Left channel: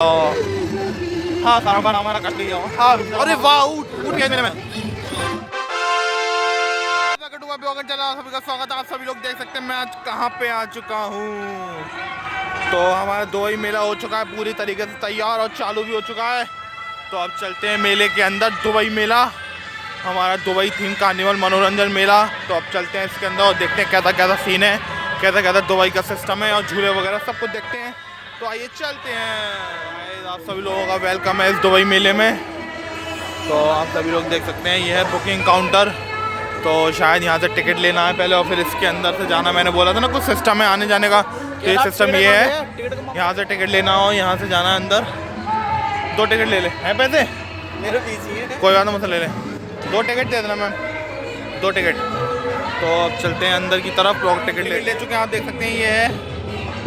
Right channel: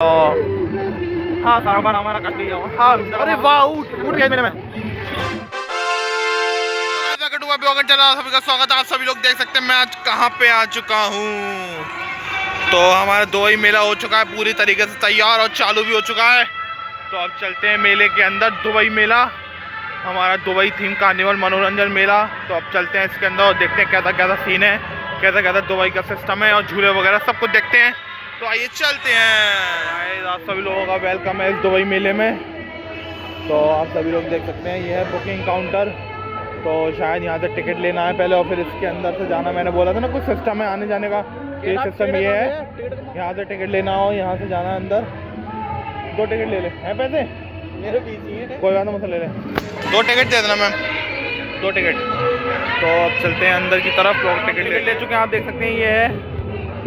हाँ सामान हमारा कर लीजिए। हाँ अरे वाह उठ गया मेरे में। सभी का स्वागत है। आप सभी लोग देख सकते हैं मैं आज कहाँ पे आ चुका हूँ। तो हमारा दुबई मेला हो चुका है पूरी तरीके से तैयार और चालू भी हो चुका है। तो अब चलते हैं मेले के अंदर। दुबई मेला हमारा दुबई थीम कार्निवल मनोरंजन मेला। तो अब चलते हैं इसके अंदर और देखते हैं कैसा कैसा सीन है, कैसा कैसा दुबई का सिस्टम है और झूले वगैरह सब कुछ देखते हैं। तो आइए चलते हैं। आप सभी लोगों का वेलकम है इस दुबई मेले में। तो आप सभी लोग देख सकते हैं ये है बुकिंग काउंटर। तो शायद यहाँ से टिकट लेना है पहले और फिर इसके अंदर से जाना। मैंने बोला था ना कुछ सिस्टम है आने जाने का। तो ये सिस्टम ये है, यहाँ से टिकट लेना हो, यहाँ से जाना है अंदर। 2 टिकट ले ले हैं पैसे मेरे पीछे, कोई बात नहीं मुझसे ले ले। 2 टिकट दे देना मैम, 2 टिकट। तो अब चलते हैं अंदर की तरफ। लोग टिकट ले चुके हैं, आप देख सकते हैं ये है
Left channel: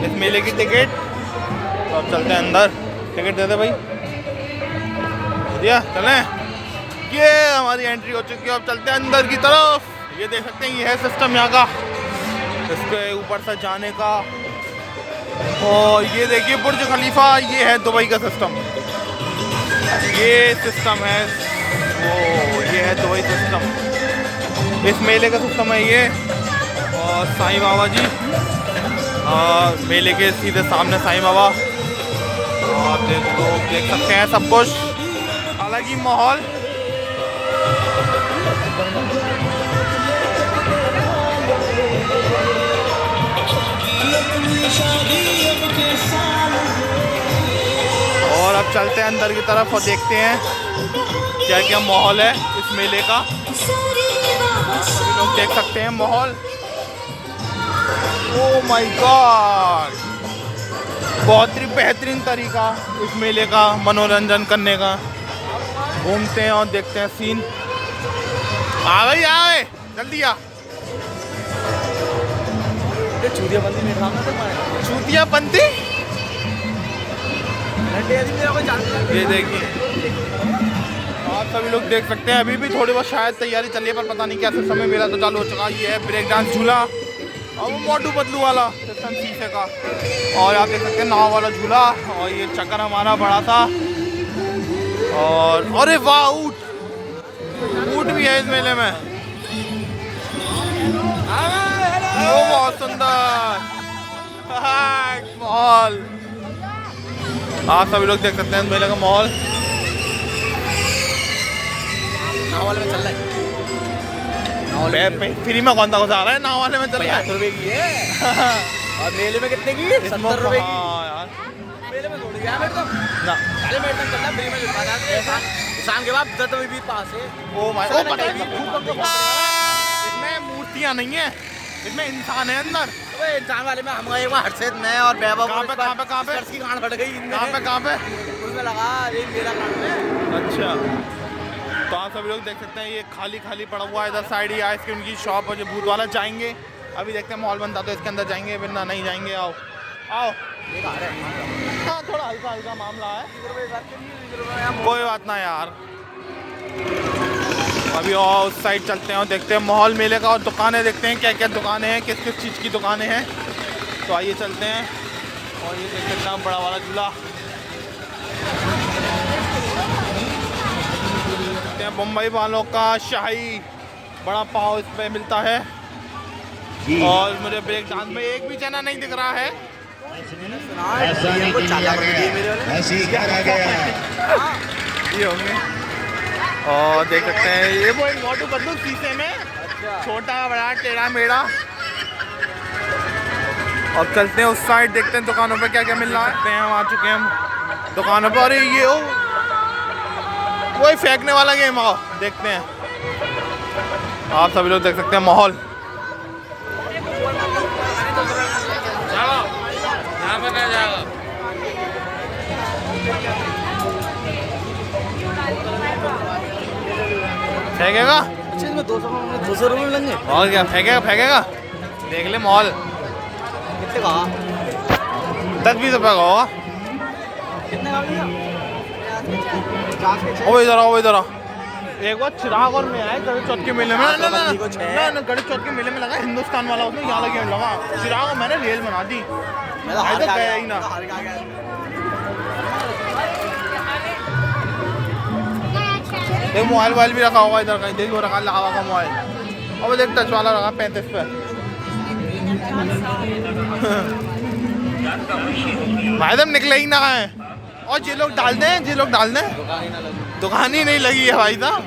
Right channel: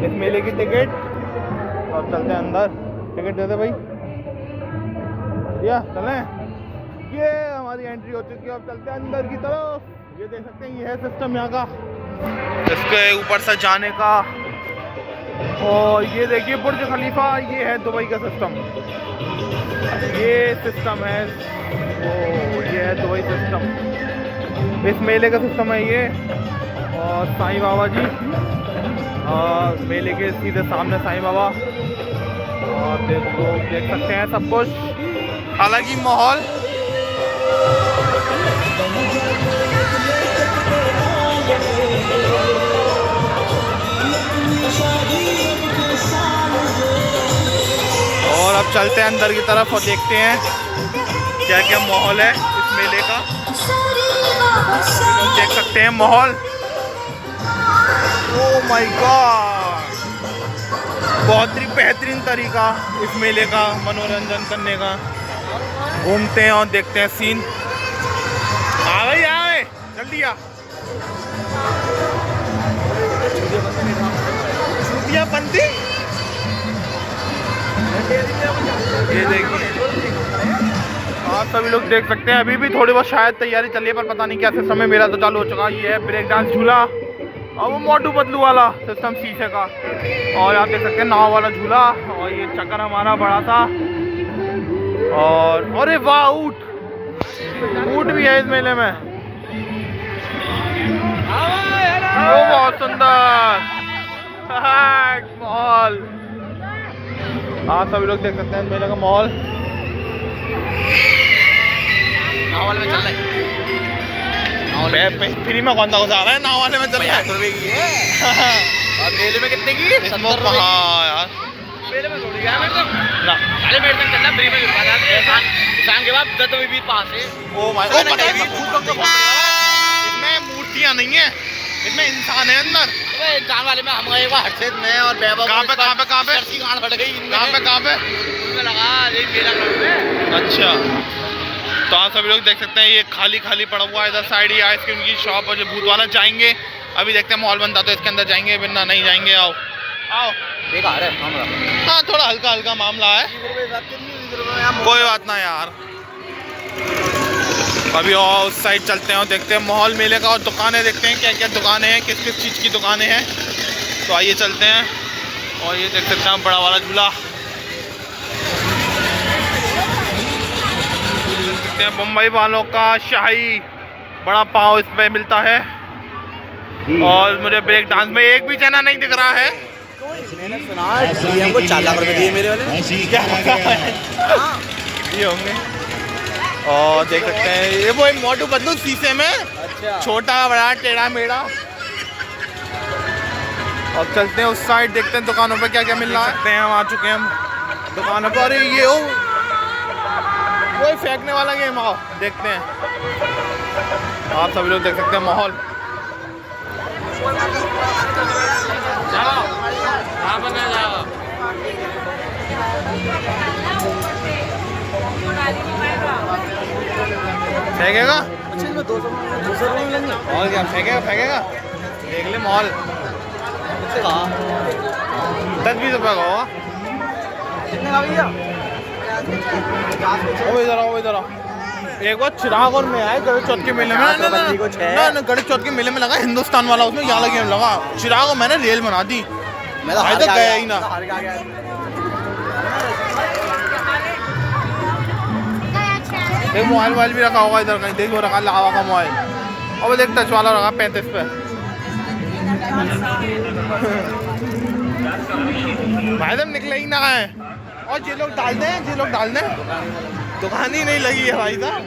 इस मेले की टिकट। तो अब चलते हैं अंदर। टिकट दे दे भाई, दिया चलें। ये हमारी एंट्री हो चुकी है। अब चलते हैं अंदर की तरफ। ये देख सकते हैं ये है सिस्टम यहाँ का, इसके ऊपर से जाने का। और ये देखिए बुर्ज खलीफा, ये है दुबई का सिस्टम। ये सिस्टम है वो, ये है दुबई सिस्टम। इस मेले का सिस्टम है ये। और साईं बाबा जी, और मेले के सीधे सामने साईं बाबा। और देख सकते हैं सब कुछ अलग ही माहौल। और अब चलते हैं अंदर की तरफ और देखते हैं क्या क्या माहौल है इस मेले का। लोग देख सकते हैं माहौल। ओह माय गॉड, बहुत ही बेहतरीन तरीका इस मेले का मनोरंजन करने का। घूमते हैं और देखते हैं सीन। आ भाई आए जल्दी आ। चूतिया पंथी, ये देखिए आप सभी लोग देख सकते हैं। अभी भी थोड़ी बहुत शायद तैयारी चल रही है पर पता नहीं कैसे समय मेला तो चालू हो चुका है। ये है ब्रेक डांस झूला और वो मोटू पतलू वाला सिस्टम शीशे का। और आप देख सकते हैं नाव वाला झूला। और ये चक्कर हमारा बड़ा था। और अरे वाह ऊँट भी है इस मेले में। वो बहुत सुंदर माहौल। आप सभी लोग देख सकते हैं मेले का माहौल। फ्री में कौन सा घुसा रहा है, नाव वाले में चल रहा है। और मेले में कितने की? 70 रुपए यार। मेले में थोड़ी यार, मेरे तक चल रहा फ्री में जुड़वा रहा है। किसान के बाद जब भी पास है। ओ भाई ओ पता है इसमें मूर्तियां नहीं है, इसमें इंसान है अंदर। इंसान वाले में हम गए हर्षित में और बेबा। कहाँ पे गांड फट गई? कहाँ पे उसमें लगा ये मेरा ग्राउंड में। अच्छा, तो आप सभी लोग देख सकते हैं ये खाली खाली पड़ा हुआ है। इधर साइड ही आइसक्रीम की शॉप और जो भूत वाला जाएंगे। अभी देखते हैं मॉल बनता तो इसके अंदर जाएंगे, वरना नहीं जाएंगे। आओ आओ, हाँ थोड़ा हल्का हल्का मामला है, कोई बात ना यार। अभी और उस साइड चलते हैं और देखते हैं माहौल मेले का और दुकानें देखते हैं क्या क्या दुकानें हैं, किस किस चीज़ की दुकानें हैं। तो आइए चलते हैं। और ये देख सकते हैं बड़ा वाला झूला, देख सकते हैं मुंबई वालों का शाही बड़ा पाव इस पे मिलता है। और मुझे ब्रेक डांस में एक भी जना नहीं दिख रहा है। ये होंगे। और देख सकते हैं ये वो मोटू पतलू शीशे में। अच्छा। छोटा बड़ा टेढ़ा मेढ़ा। और चलते हैं उस साइड, देखते हैं दुकानों पे क्या क्या मिल रहा है। हम आ चुके हैं हम दुकानों पे। और ये वही फेंकने वाला गेम आओ देखते हैं। आप सभी लोग देख सकते हैं माहौल। फेंकेगा और क्या फेंकेगा देख ले मॉल। 10-20 रुपये का होगा। इधर एक बार चिराग और मैं आए गणेश चौथ के मेले में। ना गणेश चौथ के मेले में लगा हिंदुस्तान वाला, उसमें यहाँ लगे लगा चिराग और मैंने रेल बना दी। मैं तो गया ही ना। देख मोबाइल भी रखा होगा इधर कहीं, देख वो रखा लावा का मोबाइल, और देख टच वाला रखा 35 पे। भाई साहब निकले ही ना है, और ये लोग डाल दें, ये लोग डाल दें, दुकान ही नहीं लगी है भाई साहब।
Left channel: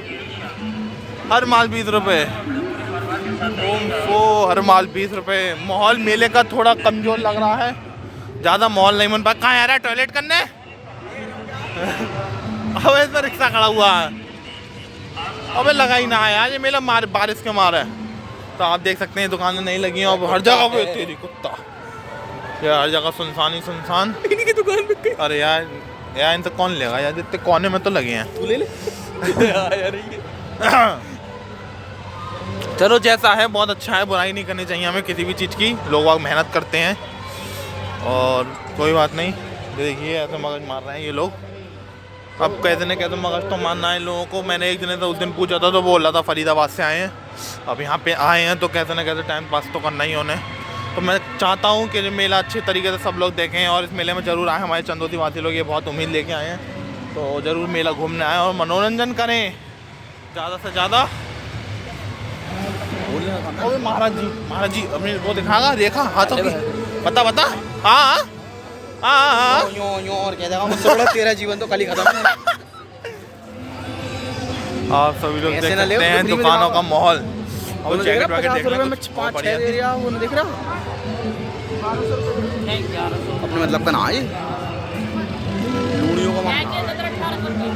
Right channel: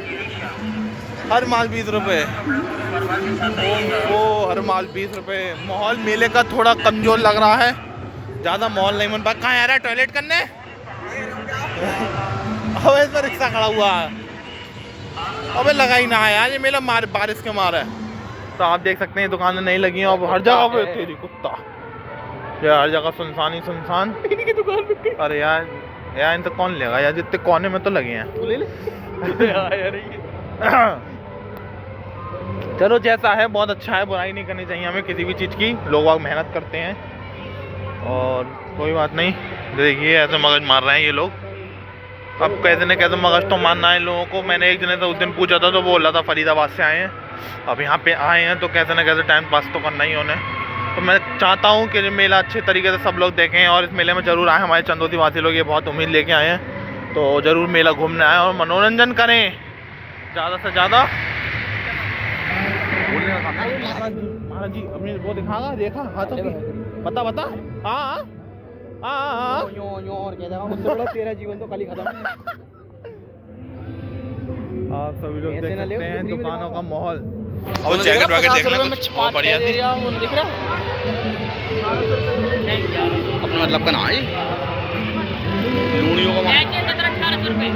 हर माल 20 रुपये, ओ हर माल 20 रुपये। माहौल मेले का थोड़ा कमजोर लग रहा है, ज़्यादा माहौल नहीं बन पा। कहाँ आ रहा है टॉयलेट करने? अब इस पर रिक्शा खड़ा हुआ है, अबे लगा ही ना है यार, ये मेला बारिश के मारे है। तो आप देख सकते हैं दुकानें नहीं लगी हैं, अब हर जगह पे तेरी कुत्ता यार, हर जगह सुनसान ही सुनसान। अरे यार इनसे कौन लेगा यार, जितने कोने में तो लगे हैं। तू ले ले चलो जैसा है बहुत अच्छा है, बुराई नहीं करनी चाहिए हमें किसी भी चीज़ की, लोग वहाँ मेहनत करते हैं और कोई बात नहीं। देखिए ऐसे मगज मार रहे हैं ये लोग, अब कैसे न कैसे मगज तो मारना है लोगों को। मैंने एक जने से उस दिन पूछा था तो बोल रहा था फरीदाबाद से आए हैं, अब यहाँ पे आए हैं तो कैसे न कैसे टाइम पास तो करना ही उन्हें। तो मैं चाहता हूँ कि मेला अच्छे तरीके से सब लोग देखें और इस मेले में ज़रूर आए। हमारे चंदौती वासी लोग ये बहुत उम्मीद लेके आए हैं, तो ज़रूर मेला घूमने आए और मनोरंजन करें ज़्यादा से ज़्यादा। महाराज जी अपने वो दिखागा, देखा हाथों की, बता हाँ और क्या देखा, मुझसे बड़ा तेरा जीवन तो कल ही खत्म। आप सभी लोग देख सकते हैं दुकानों का माहौल, और जैकेट वैकेट देखना कुछ और बढ़िया थी। दिख रहा अपने मतलब का ना है लूड़ियों का 17-18 रुपए।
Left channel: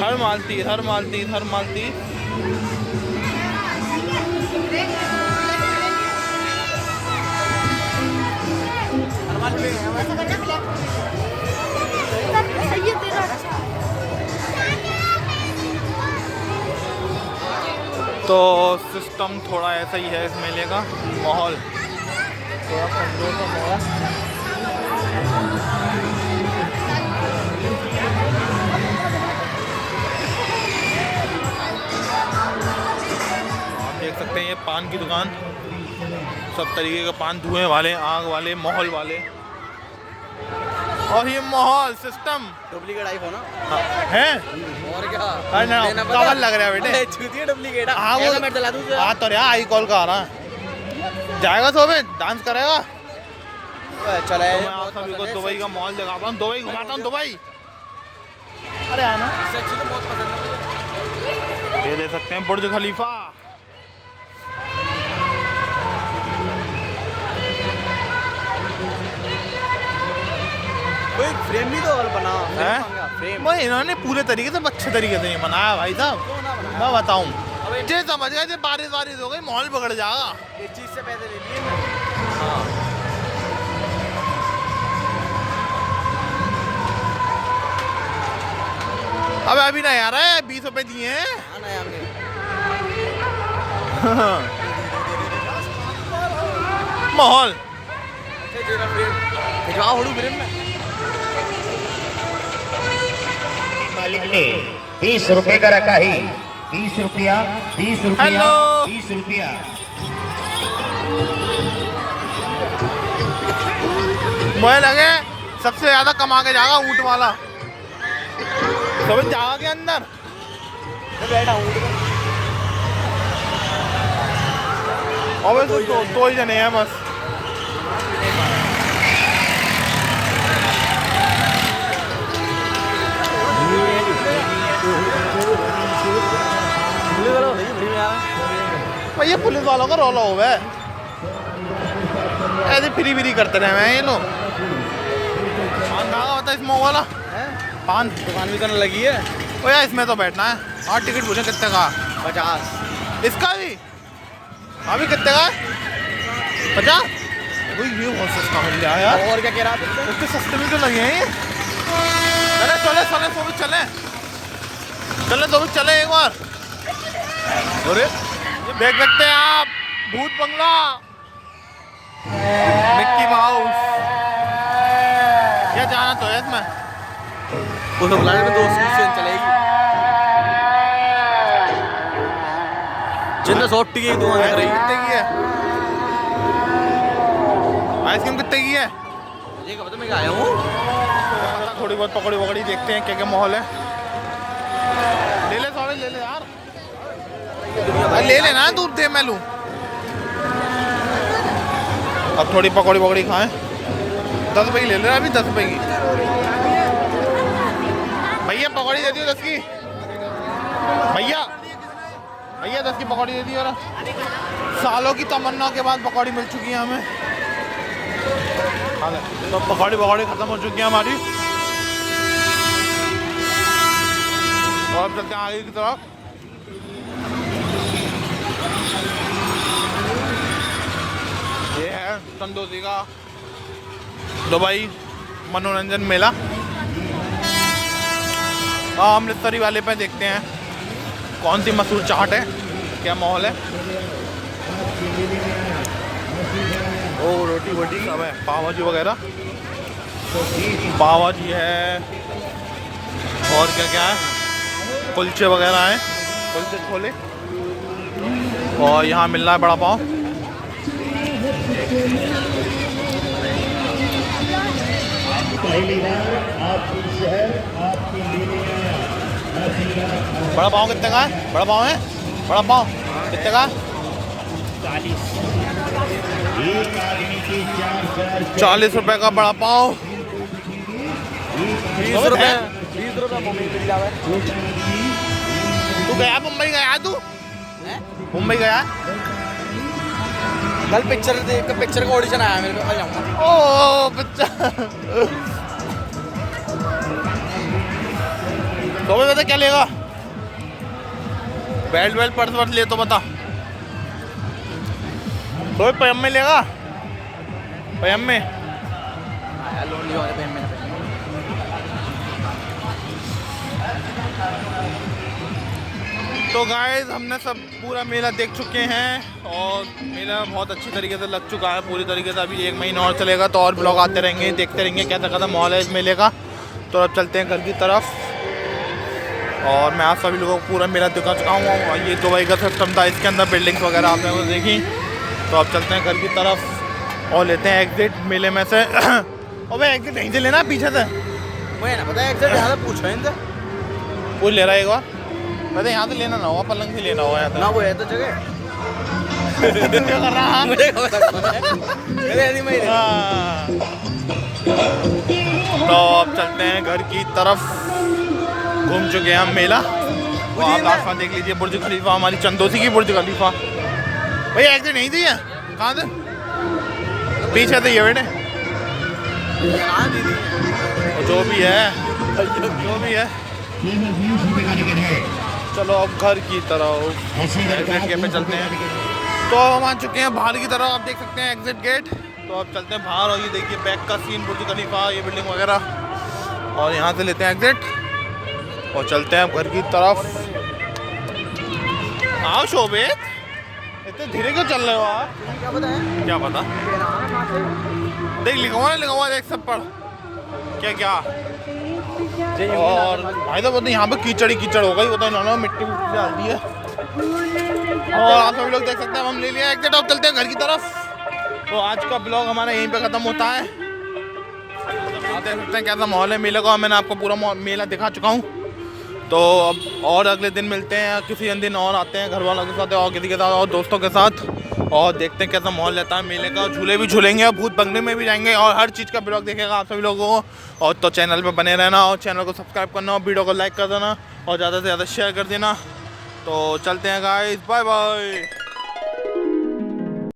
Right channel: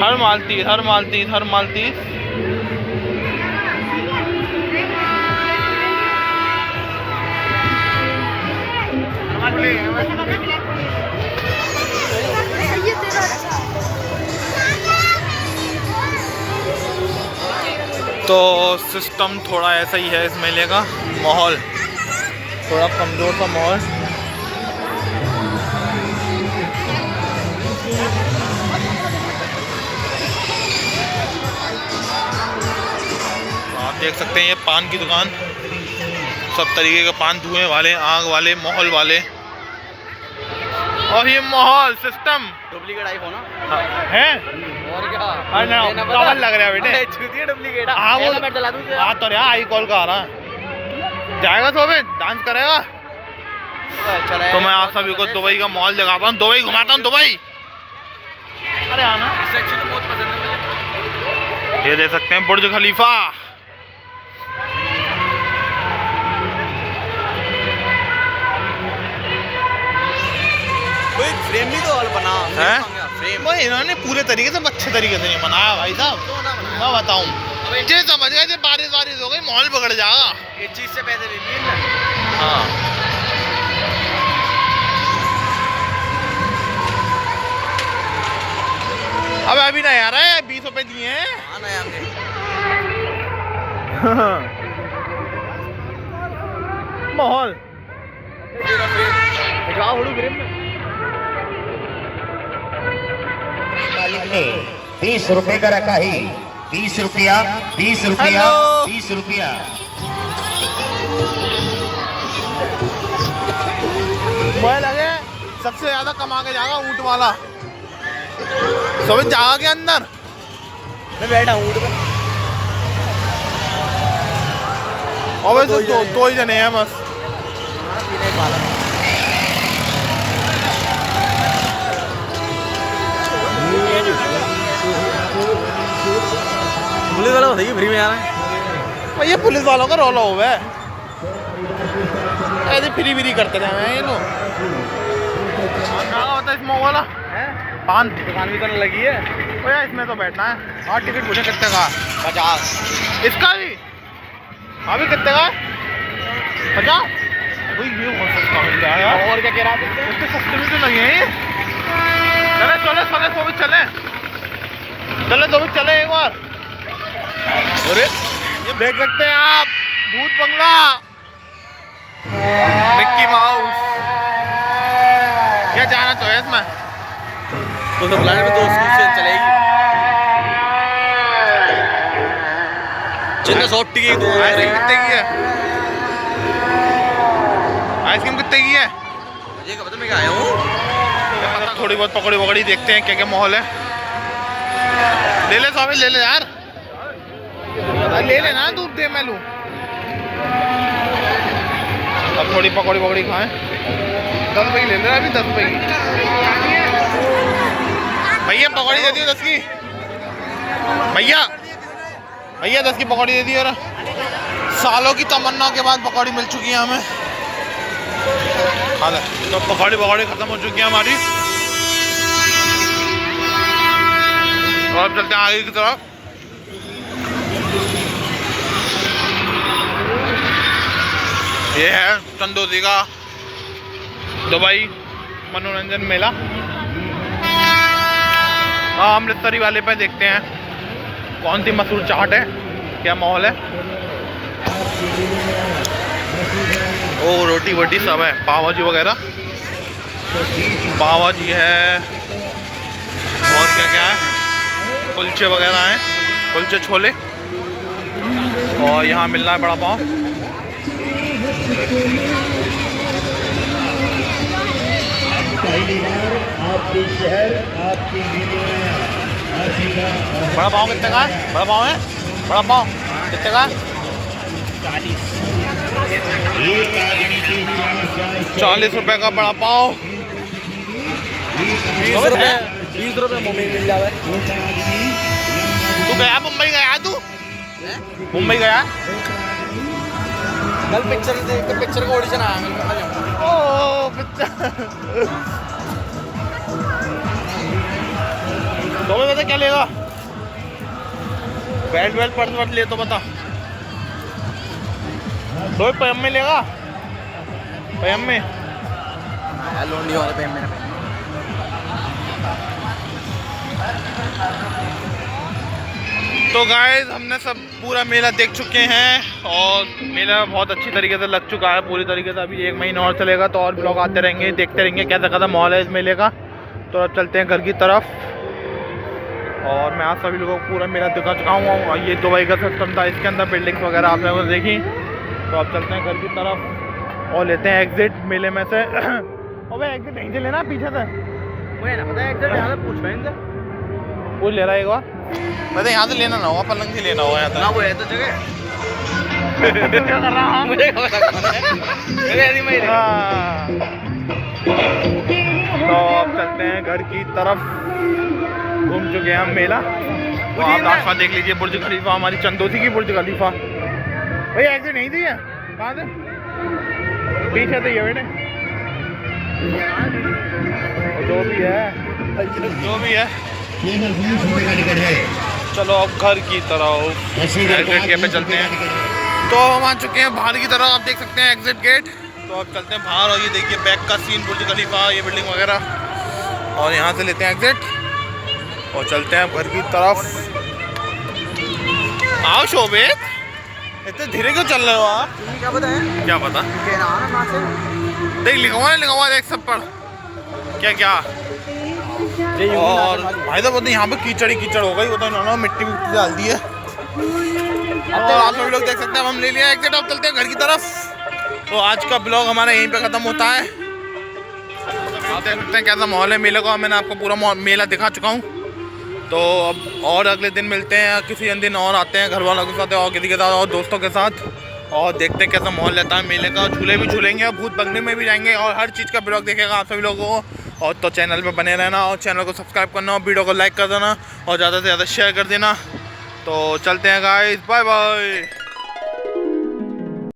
हर माल 30। तो सिस्टम थोड़ा ऐसा ही है इस मेले का, माहौल थोड़ा कमज़ोर सा माहौल। तो आप देख सकते हैं ये पान की दुकान, सब तरीके के पान, धुएं वाले, आग वाले, माहौल वाले, और ये माहौल सिस्टम डुप्लीकेट आईफोन है और क्या? अरे डबल लग रहा है बेटे, छूती डुप्लीकेट। हाँ वो मैं चला दूं हाँ तो यार आई कॉल का आ रहा है, जाएगा तो अबे डांस करेगा। चला तो मैं आप सभी को दुबई का मॉल दिखाता हूँ, दुबई घुमाता हूँ दुबई। अरे आना, बहुत पसंद है। ये देख सकते हैं बुर्ज खलीफा। फ्रेम भी तो बना है फ्रेम, वो इन्होंने पूरे तरीके से अच्छे तरीके से बनाया भाई साहब। मैं बताऊँ ये समझ गए, बारिश हो गई माहौल बिगड़ जाएगा, इस चीज से पैसे ले लिए ना। हाँ अब अभी नहीं आ रहा है, 20 रुपए दिए हैं। हाँ ना हमने माहौल फ्रेम 20 रुपए का रखा ही, 20 रुपया, 20 रुपया, हेलो 20 रुपया। मुझे लगे सबसे ज्यादा कमा के जाएगा ऊँट वाला, समझ जाएगा के अंदर। मैं बैठा हूँ और दो ही जने हैं बस। पुलिस वाला बताइए फ्री में आवे। ये पुलिस वालों का रोला हुआ है, ऐसे फ्री करते रहे हैं ये लोग। कहाँ होता है इस मोह वाला पान दुकान भी करने लगी है। ओ यार इसमें तो बैठना है। हाँ टिकट पूछो कितने का? 50। इसका भी अभी कितने का? 50? वही ये बहुत सस्ता मिल रहा है यार। और क्या कह रहा था? इतने सस्ते में क्यों लगे हैं? चलो चले एक बार। अरे ये देख सकते हैं आप, भूत बंगला, मिक्की माउस। क्या जाना तो है इसमें? तो बुलाने में 2 स्टेशन चलेगी। जितना 100 टिकट 2 आइसक्रीम कितने की है? आइसक्रीम कितने की है? मुझे क्या पता मैं आया हूँ। थोड़ी बहुत पकौड़ी वकड़ी देखते हैं क्या क्या माहौल है। ले ले स्वामी, ले ले यार, ले लेना, दूध दे मैं लूँ। अब थोड़ी पकौड़ी वकड़ी खाएं। 10 रुपये की ले लेना, अभी 10 रुपये की। भैया पकौड़ी दे दियो 10 की। भैया 10 की पकौड़ी दे दी। और सालों की तमन्ना के बाद पकौड़ी मिल चुकी है हमें। हाँ तो पकौड़ी खत्म हो चुकी है हमारी। और अब चलते हैं आगे की तरफ। ये है चंदौसी का दुबई मनोरंजन मेला। हाँ, अमृतसरी वाले पे देखते हैं कौन सी मशहूर चाट है, क्या माहौल है। ओ रोटी वोटी सब है, पाव भाजी वगैरह, पाव भाजी है और क्या क्या है, कुलचे वगैरह हैं, कुलचे छोले। और यहाँ मिल रहा है बड़ा पाव। बड़ा पाव कितने का है? बड़ा पाव है, बड़ा पाव कितने का है? 40 रुपए का बड़ा पाव। 20 रुपए मुंबई मिल जावे। तू गया मुंबई, गया तू मुंबई गया? कल पिक्चर देख के पिक्चर का ऑडिशन आया मेरे को। ओ पिक्चर तो बता क्या लेगा? बेल्ट वेल्ट पर्स वर्स ले तो बता। तो पयम में लेगा? पयम में लोंडी वाला पे मैंने। तो गाइस हमने सब पूरा मेला देख चुके हैं और मेला बहुत अच्छी तरीके से लग चुका है पूरी तरीके से। अभी 1 महीना और चलेगा तो और ब्लॉग आते रहेंगे, देखते रहेंगे कैसा कैसा माहौल है इस मेले का। तो अब चलते हैं घर की तरफ। और मैं आप सभी लोगों को पूरा मेला दिखा चुका हूँ। और ये दुबई का सिस्टम था, इसके अंदर बिल्डिंग्स वगैरह आपने वो देखी। तो अब चलते हैं घर की तरफ और लेते हैं एग्जिट मेले में से। अबे एग्जिट यहीं से लेना, पीछे से पता है एग्जैक्ट यहाँ से पूछा इनसे। वो ले रहा है एक बार, पता यहाँ से लेना ना होगा, पलंग से लेना होगा यहाँ ना वो है तो जगह। क्या कर रहा है? मुझे क्या पता मेरे आदमी में। हाँ। तो अब चलते हैं घर की तरफ। घूम चुके हैं हम मेला। वो आप रास्ता देख लीजिए, बुर्ज खलीफा, हमारी चंदौसी की बुर्ज खलीफा। भाई एग्जिट नहीं दी है, कहाँ से? पीछे से ये बेटे, जो भी है। चलो अब घर की तरफ एग्जिट गेट पे चलते हैं। तो हम आ चुके हैं बाहर की तरफ, आप देख सकते हैं एग्जिट गेट। तो अब चलते हैं बाहर और ये देखिए बैक का सीन, बुर्ज खलीफा, ये बिल्डिंग वगैरह। और यहाँ से लेते हैं एग्जिट और चलते हैं घर की तरफ। आओ शोभित, इतने धीरे क्यों चल रहे हो आप? क्या पता है? क्या पता? देख लिखा हुआ देख सब पर क्या क्या। और भाई साहब यहाँ पे कीचड़ ही कीचड़ हो गई, वो तो इन्होंने मिट्टी डाल दी है। और आप सभी लोग देख सकते हैं हम ले लिया एग्जिट। अब चलते हैं घर की तरफ। तो आज का ब्लॉग हमारा यहीं पे ख़त्म होता है। आप देख सकते हैं कैसा माहौल है मेले का। मैंने आपको पूरा मेला दिखा चुका हूँ। तो अब और अगले दिन मिलते हैं, किसी दिन और आते हैं घर वालों के साथ और किसी के साथ और दोस्तों के साथ, और देखते हैं कैसा माहौल रहता है मेले का। झूले भी झूलेंगे और भूत बंगले में भी जाएंगे और हर चीज़ का ब्लॉग देखेगा आप सभी लोगों को। और तो चैनल पे बने रहना और चैनल को सब्सक्राइब करना और वीडियो को लाइक कर देना और ज़्यादा से ज़्यादा शेयर कर देना। तो चलते हैं गाइस, बाय बाय।